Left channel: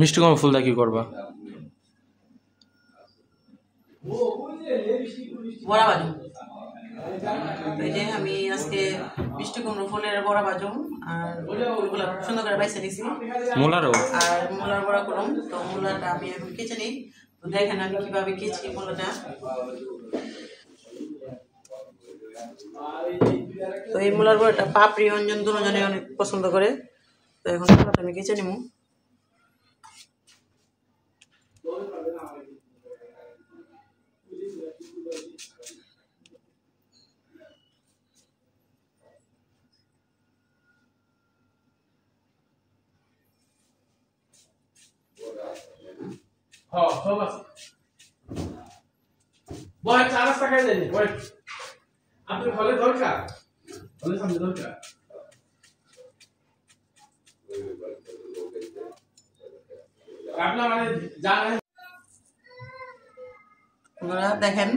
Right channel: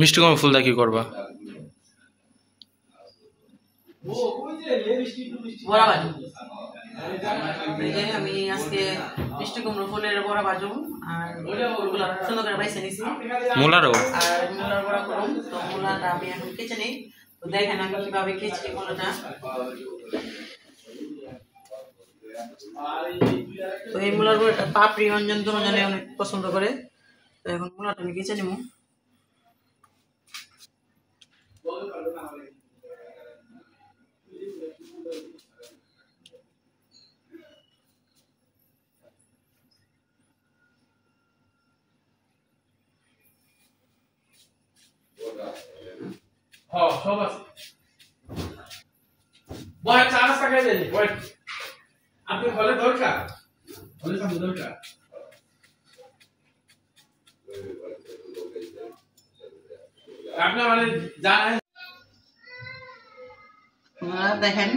মিষ্টি কুমড়া ফুল দা কি করবা? বড়া ভাজুম। এই যে আমি আজকে মিষ্টি কুমড়ো ফুলের বড়া ভাজুম আর ফুলগুলো সুন্দর করে বাইছে নিছি। মূলারও আর মূলার বড়া করুম। তো মূলাটা আমি এখন কেচে নিই। তো দেখেন আমি কিভাবে কেচি মূলাটা। তো এই মূলার বড়াটা পাপড়ি অঞ্জন দুজনে অনেক পছন্দ করে। তো এখন মূলাটা আমি কেচে নিব। হ্যাঁ সব আছে বয় চা নাস্তা খাই দেন বয় আপনি হলে দরকার হলে সামনে দরকার আপনারা মানে জানেন আপনারা দেখেন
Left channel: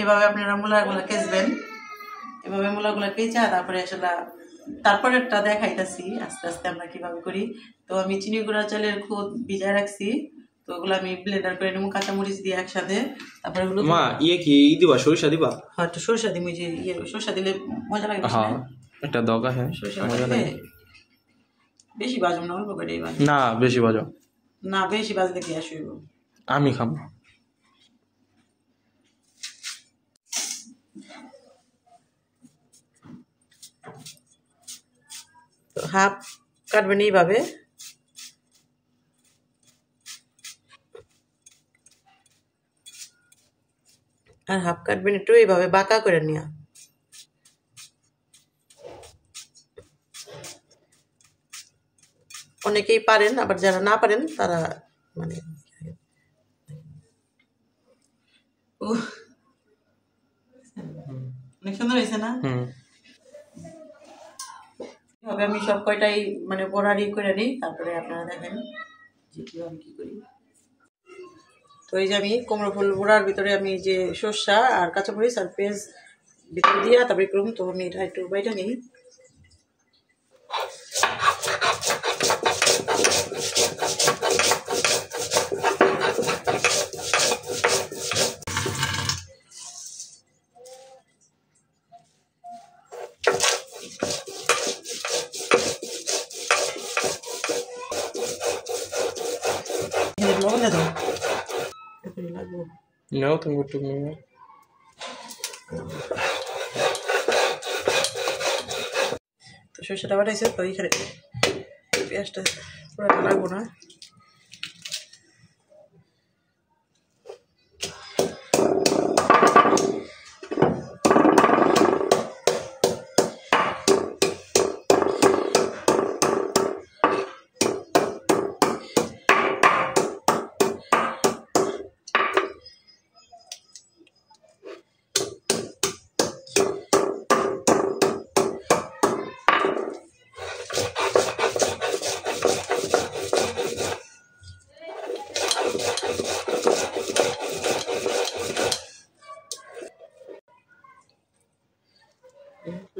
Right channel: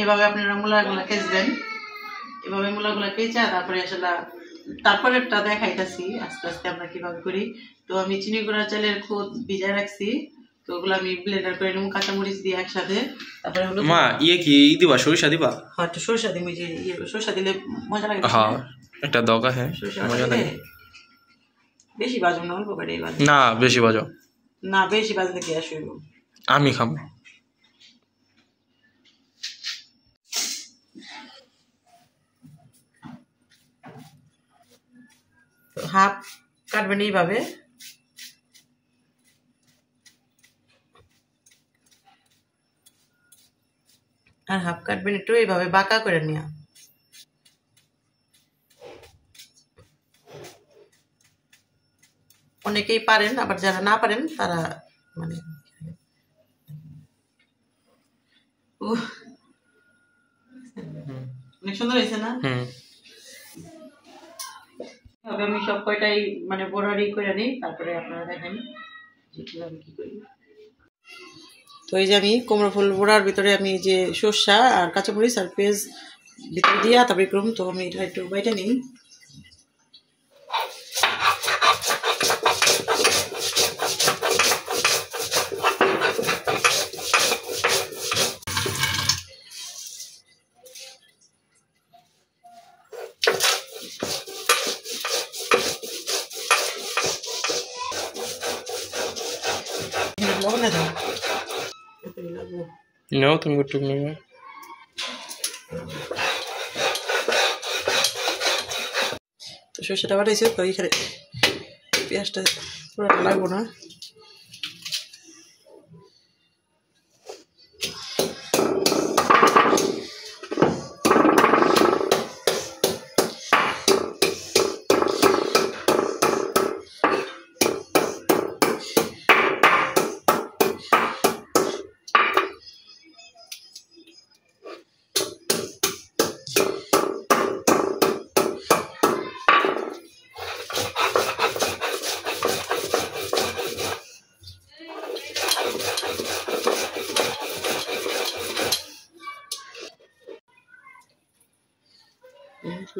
এইভাবে আপনারা মূলাগুলো কেচবেন। এভাবে মূলাগুলো কেচে তারপরে আসলে তারপরেরটা দেখাইতেছি আস্তে আস্তে আমরা কিভাবে করি। তো আমি চিনি গুঁড়া চালের খুদ ভিজায় রাখছি। তো ওগুলো আমি ব্লেন্ডার করে নেবো কাঁচামরিচ দিয়ে একসাথে। তারপরে ওগুলো মা কি দিবা? সরিষা দিবা? হ্যাঁ একটু সরষা দিই। যে সরষা দিলে মজা লাগে। হ্যাঁ একটা দরকার। হ্যাঁ মজা লাগে। বেশি বাজুম না, অল্প করে বাজুম। না বেশি বাজো না, বেশি বাজলে কি আসবে? আমি খাম। হাফ কাটবেন এইভাবে। আর হাফ কাটবেন একটু এইভাবে বাঁকা করে নেওয়া। অনেকেই পারেন, আবার যারা না পারেন তারা মানে অনেক সুন্দর হয়েছে না? আমি সব কয়টাই মানে বড়ারি করে নিই, তারপরে আপনারা দেখেন যে কিভাবে কি করি। তো এই যে আমি কুমড়ো ফুল বড়ার ভিতরে আমি যে সর্ষা আর কাঁচামরিচ আর পেঁয়াজ ভিতরে দিয়ে তারপরে করুন। তো আমি এটা একটু বাইটা নিই। লবণ দাও লাগবো নাও তুমি একটু নেবে। তো সর্ষেটা বাটাইছি। তো এইখানে পেঁয়াজটা পুরোটা লাগবো না।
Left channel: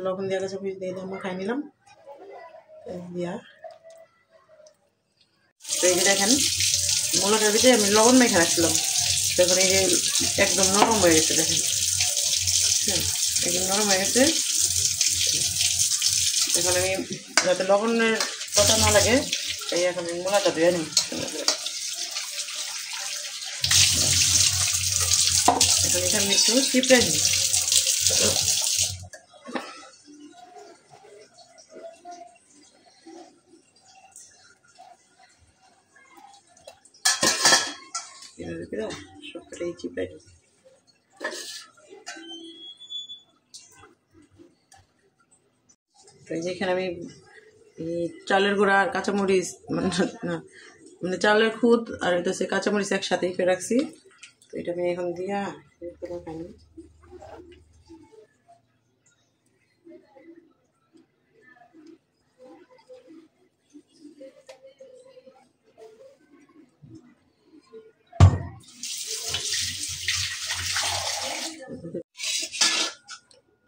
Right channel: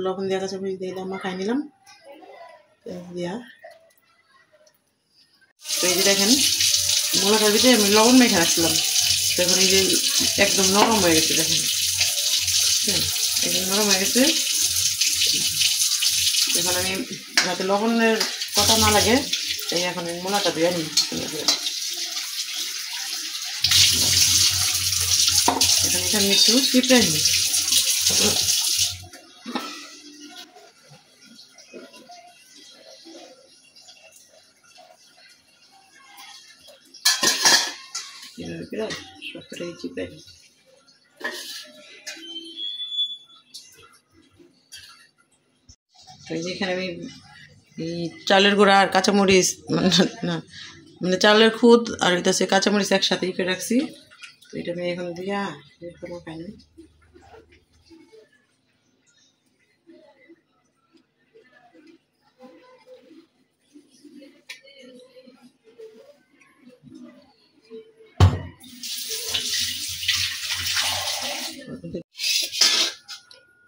লবণ দেওয়া কাঁচামরিচ দিয়ে মাখাই নিলাম দিয়া। তো এই যে দেখেন মূলাটার ভিতরে আমি লবণ মেখে রাখছিলাম। তো এখন এই যে একদম নরম হয়ে গেছে। দেখেন একদম নরম হয়ে গেছে। এখন আমি যাতে লবণের কথা না লাগে তাই এখন আমি মূলাটা দিয়ে নিই সুন্দর করে। এখন এখানে একটু চিপড়ে নিই। সবটাই চিপড়ে নিই। এই যেখানে আমি চালের গুঁড়া আর কাঁচামরিচ না মানে চালের খুদ আর এটা হচ্ছে কাঁচামরিচ একসাথেই করে রাখছি। তো এটা আমি এখন দিয়া খাই না।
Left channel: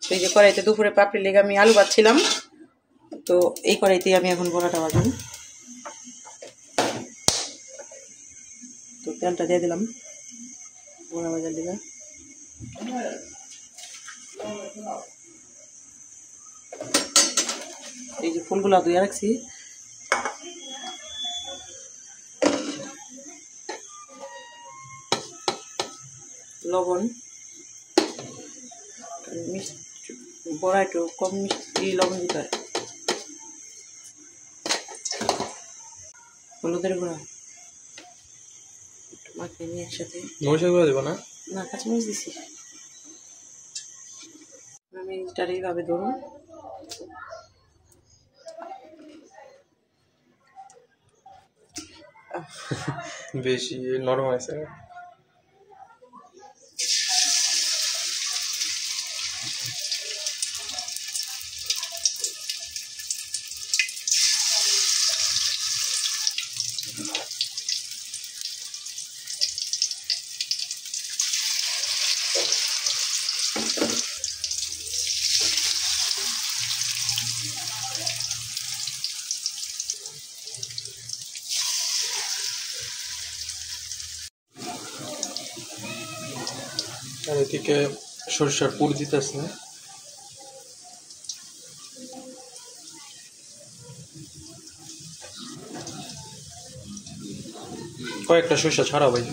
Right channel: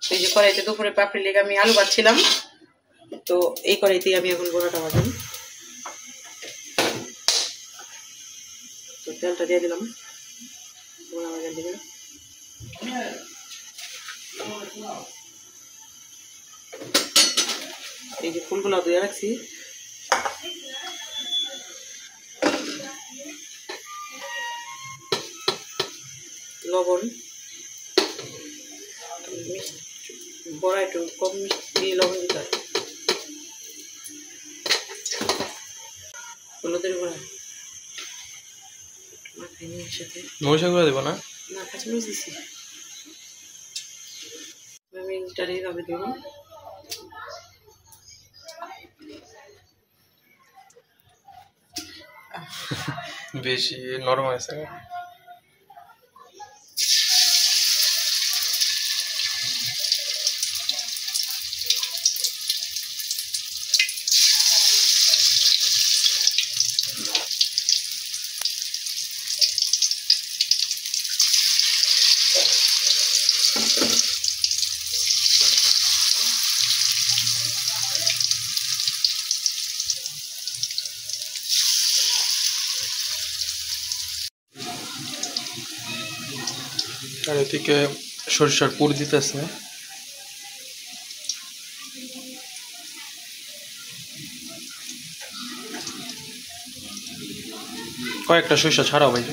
এই যে কড়াইতে দুপুরে পাপড়ি লেগে আমি আলু ভাজছিলাম। তো এই কড়াইতেই আমি এখন বড়াটা ভাজলাম। তেলটা দিয়ে দিলাম মোলা ভাজার দিকে। এই যে ফুলগুলা ধুয়ে রাখছি, লবণ, বড়া একটু কম মিষ্টি লবণ দিতে হয়, হলুদের গুঁড়া একটু মাখিয়ে নিয়ে একসাথে। মরিচের গুঁড়া দেবো না? না, কাঁচামরিচ দিছি। আমি এইটার এইভাবে ধরুন, বেশি নরম হয়েছে। আর এদিকে সরিষার পুর দিতেছে। কয়েকটা সরিষা ছাড়াও ভাই।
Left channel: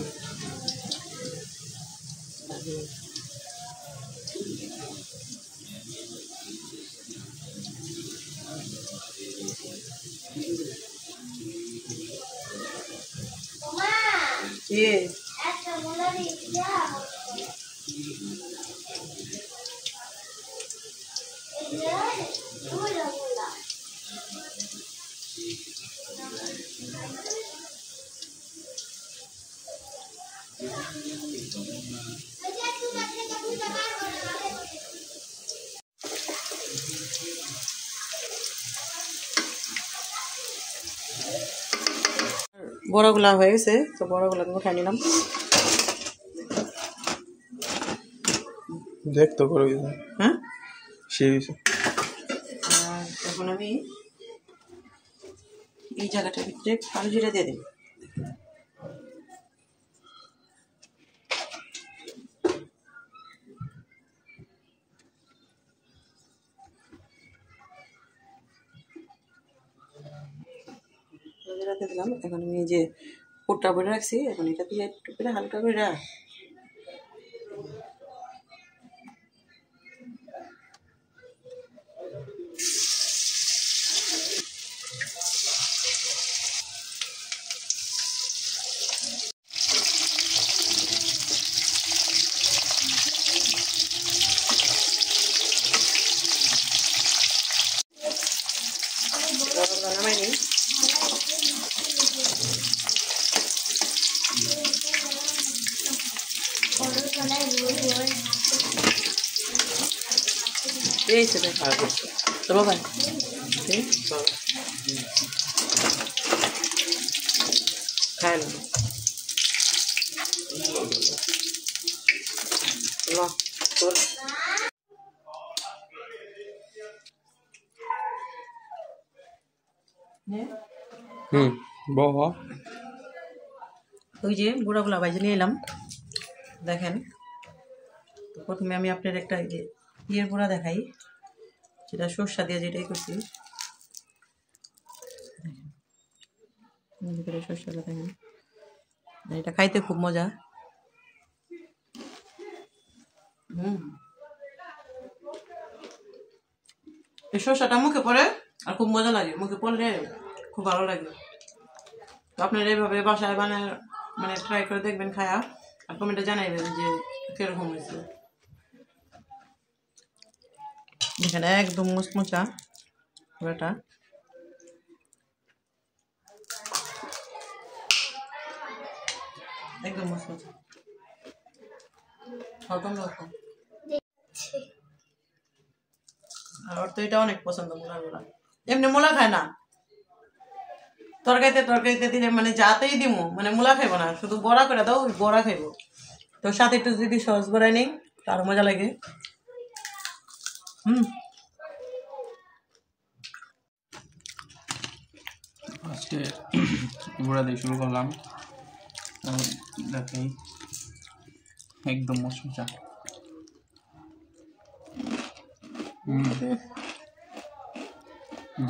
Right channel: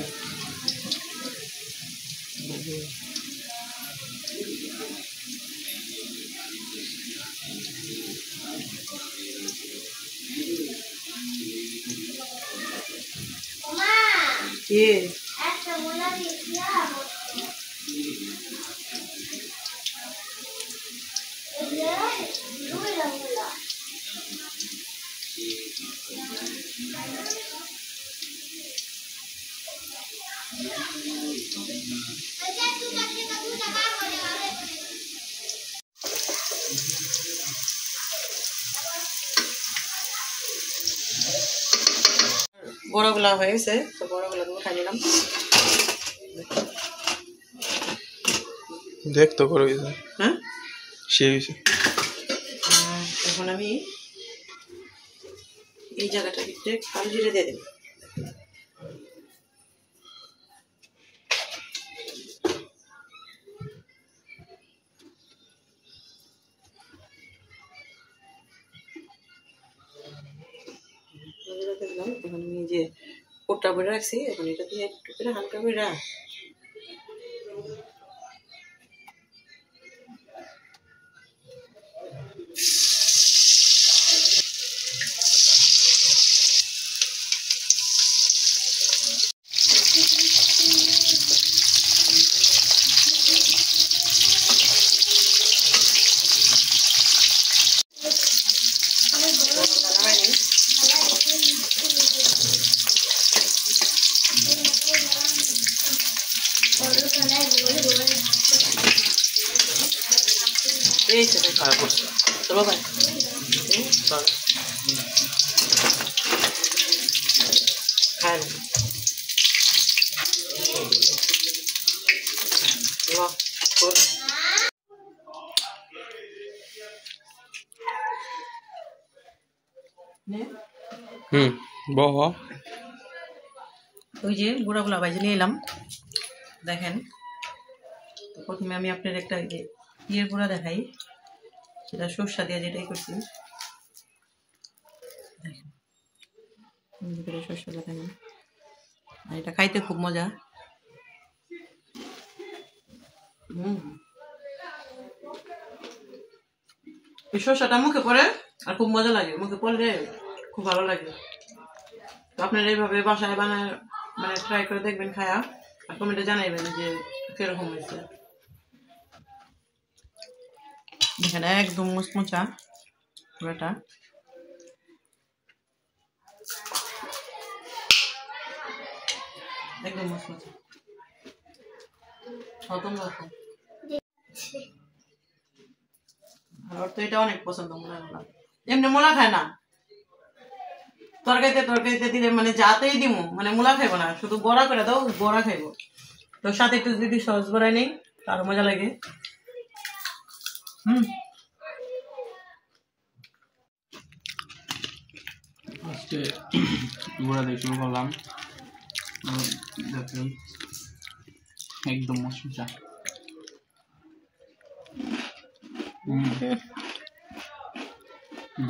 বড়াগুলা হয়ে গেছে, তো বড়াগুলা তুমি খাই নিলাম। দেখ তো করো। হ্যাঁ, সেই হয়েছে। এখন আমি এই জায়গাটার ভিতরে কালো জিরা দিয়ে দেব। দিলাম। এখন আমি এই যে পুরটা ভরে রাখছি, এখন এটা দিয়ে একটু করে হালকা করে নামাই নিই। এই তো আর করছে। চলো ভাই, খাই না বহ। ওই যে গুঁড়াগুলা ভাইজে নিয়ে এলাম, দেখেন। তো প্রথমে আমি আপনার একটা ইয়ের গুঁড়া দেখাই, সেটা সরষা দিয়ে যেটাই করছি। দেখেন ভিতরে সরষাটা দেখেন, আর এটা খাইতে খুব মজা। এই সরষাটা মুখে পড়ে আর খুব মজা লাগে, মুখে পড়লে খুব ভালো লাগে। তো আপনারা এইভাবে বাসায় বানায় মানে ট্রাই করে দেখবেন খায়া, আর কমেন্টে জানাইবেন যে কিরকম হয়েছে। দেখেন একদম মুচমুচা পুরোটা। একদম মুচমুচা, খতম রকম। আর ওর তো এটা অনেক পছন্দ মূলাগুলা, এমনি মূলা খায় না, তরকারিতে দিলে মানে যাতেই দিব মানে মূলা খাইবো না, শুধু বড়া করে দাও বড়া খাইবো। তো সাথে একটু যদি সস বড়াই নেই তারও মজা লাগে। আজকে গুঁড়া দিয়ে শুরু করলাম। দেখাই একদম মশলা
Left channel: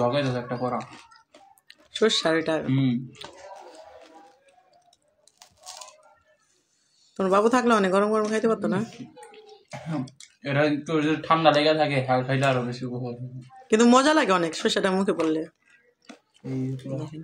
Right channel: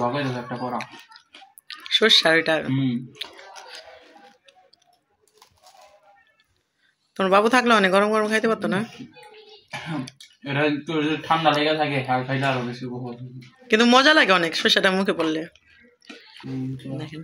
দগাই দাও একটা করা সর্ষার এটা তোমার বাবু থাকলে অনেক গরম গরম খাইতে পারতো না? এটা একটু যদি ঠান্ডা লেগে থাকে খাইলে আরো বেশি উপভোগ হবে। কিন্তু মজা লাগে অনেক সর্ষাটা মুখে পড়লে। দেখেন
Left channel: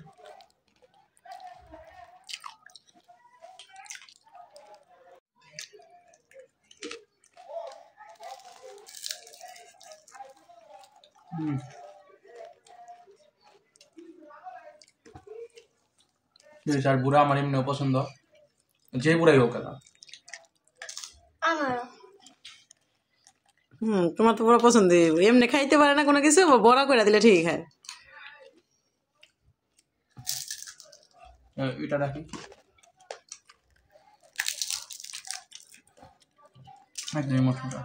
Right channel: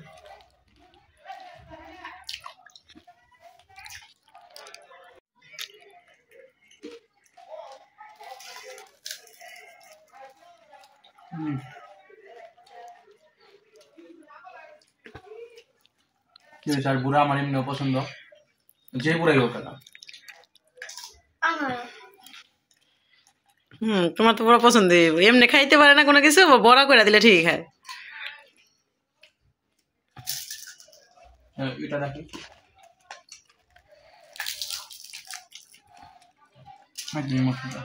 আর বুড়া আমার এমনিও পছন্দ, যে বুড়াই হোক না। তোমার তো পুরো পছন্দ, এমনি খাইতে পারে না কোনো কিছু, বড়া করে দিলে ঠিক খায়। এটা দেখি মশলা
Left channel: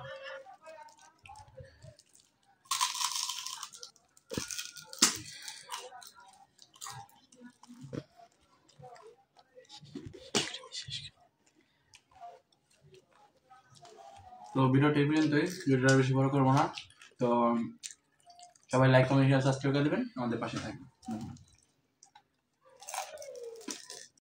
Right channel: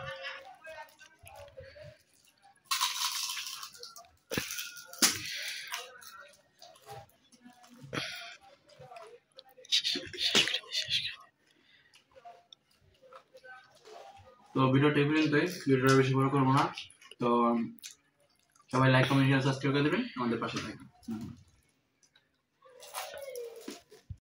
তো ভিডিওটা এই পর্যন্তই, ভিডিওটা বেশি বড় করবো না। তো সবাই লাইক কমেন্ট সাবস্ক্রাইব করে দেবেন, আমাদের পাশে থাকবেন।